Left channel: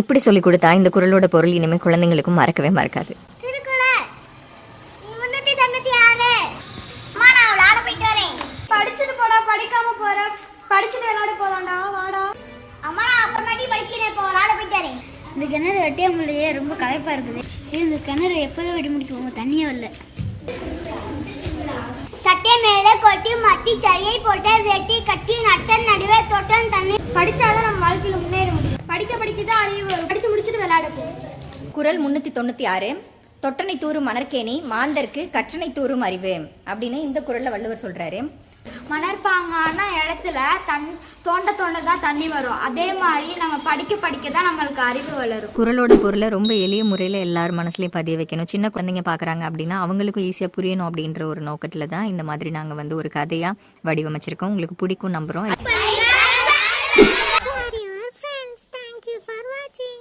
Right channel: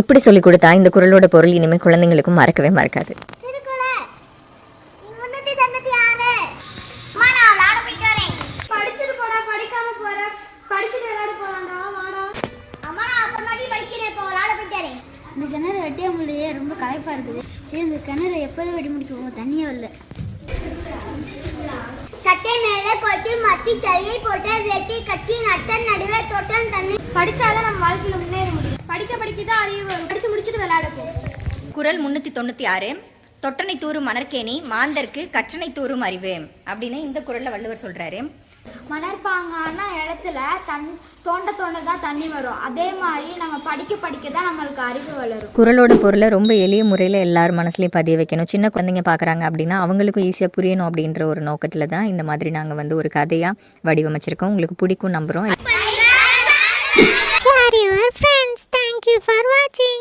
இப்படி சொல்லி கொடுத்தா இந்த குறளோட பொருள் இனிமேல் குழந்தைங்களுக்கும் மறக்கவே மறக்காது. படிச்சுட்டு போடா, படிக்காம போற, படிச்சுட்டு விளையாட போலாம்டா, வாடா. அம்மா நான் அப்புறமாட்டி படிக்கிறேன், இப்போ விளையாட போயிட்டாரே. இந்த கிணறு வெட்டிய முடியே ரொம்ப களைப்பா இருக்குது. இந்த கிணறு எப்போதும் வெட்டி முடிக்கும், தண்ணியே இல்லை. சட்டை மேலே கொட்டி மட்டி சரியை போட்டு வெட்டி கட்டி நட்டன் நடுவே தொட்டன் தண்ணி. படிச்சாதான் நம்ம வாழ்க்கையில முன்னேற முடியும். படிக்க படிக்கதான் அறிவு வரும். படிச்சு முடிச்சுட்டு விளையாட போகும். குறள் 396 தொட்டனை தூரும் மணற்கேணி மாந்தர்க்கு கற்றனை தூரும் அறிவு அப்படின்னு இந்த குறள்ல வள்ளுவர் சொல்றாரு. மணற்பாங்கான இடத்துல தோண்ட தான் தண்ணி வரும். அதே மாதிரி நம்ம படிக்க படிக்க தான் நம்மளுக்கு அறிவு வளரும். குறளோட பொருளை ரொம்ப எளிய முறையில் எல்லாரும் மனசுலையும் பதிய வைக்கணும். சின்ன குழந்தைங்க பார்க்குறாங்க அப்படின்னா அவங்களுக்கும் ஈஸியாக புரியணும் அப்படின்ற ஒரு நோக்கத்தில் தான் இந்த மாதிரி நாங்கள் ஒரு கதையாக வடிவமைச்சிருக்கோம். உங்களுக்கு பிடிக்கும் நம்புகிறோம். Thank you for watching.